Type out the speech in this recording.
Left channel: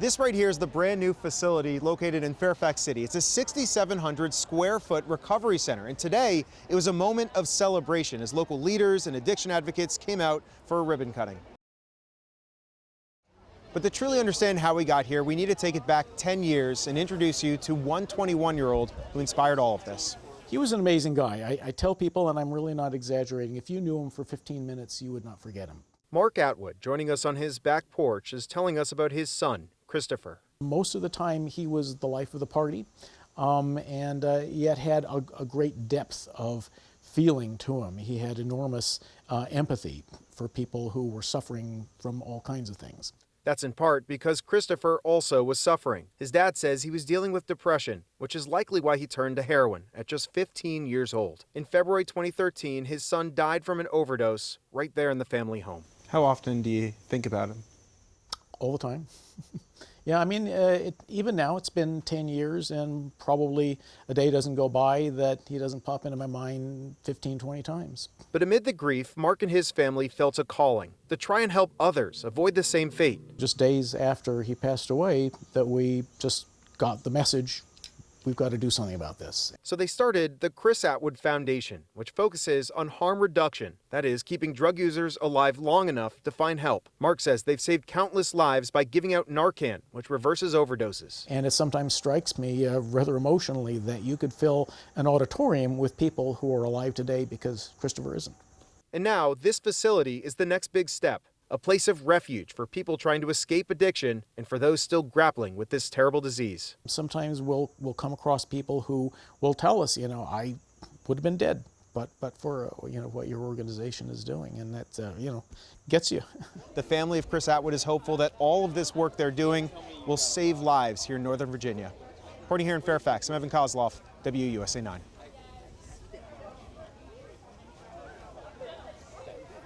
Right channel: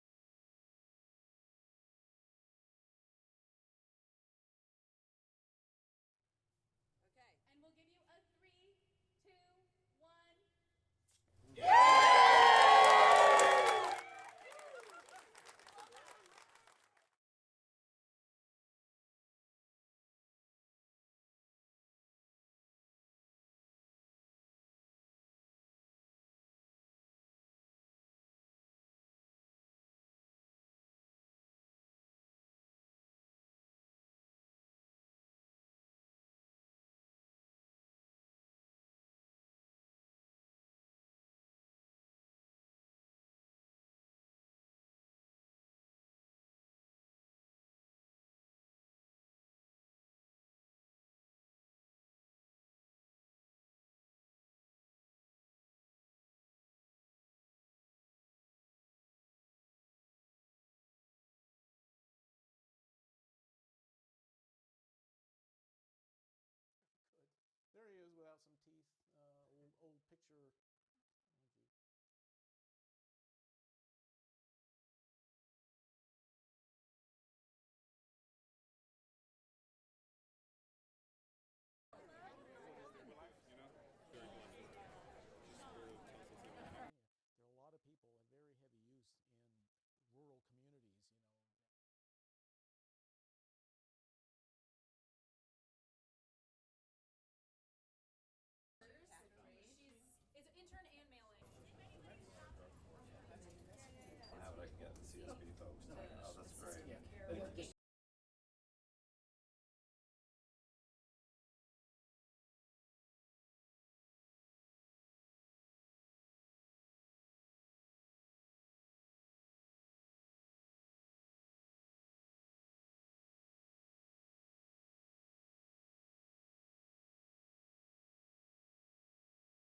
This right here is the brand new facility located in Fairfax City. It's a 6,700 square foot recovery center. And today it was a moment of celebration as local leaders and addiction advocates came out for a ribbon cutting. But to truly understand how we got here, we need to take it back 10 years and introduce you to one 21-year-old who inspired all of this. He was an amazing guy. I tell people, and I'm really not exaggerating, if you knew him for 15 minutes, you would not forget him. Mark Atwood, joining us on his back porch, is telling us about his son, Christopher. Most of the time, he was the life of the party, and yet had a great depth of feeling to him. He had enormous empathy for people who were suffering from all kinds of things. That's in part because Christopher also was suffering. His dad says he was dealing with depression, which is likely why he turned to heroin at just 15 years old. In February 2013, his son died from an overdose right there in the family home. How often do you think about him? All the time. Yeah, I mean, even now it's been 10 years and probably a day doesn't go by that he doesn't pop into my mind 15, 20 times. But amid the grief, Mark and his family felt a calling to try and help others avoid the same fate. Just days after he passed away that we just got the message, we've got to do something about this. So they started the Chris Atwood Foundation, which focuses on harm reduction, that is, keeping drug users alive long enough to find help. Mark says they've saved countless lives by giving out Narcan, which reverses overdoses. And it sometimes strikes me rather emotionally that you could fill an auditorium with people who are alive today because Christopher isn't. And now this facility is the next big step. A place of refuge for people trying to escape addiction and for those still grappling with this terrible disease. Sometimes we'll come across people who will tell us, I would have been dead, but for what your organization is doing, and that gets you. The family of Chris Atwood is hopeful that all of this work they're doing will save lives here in Northern Virginia. Reporting here in Fairfax, I'm Evan Koslof, WUSA 9.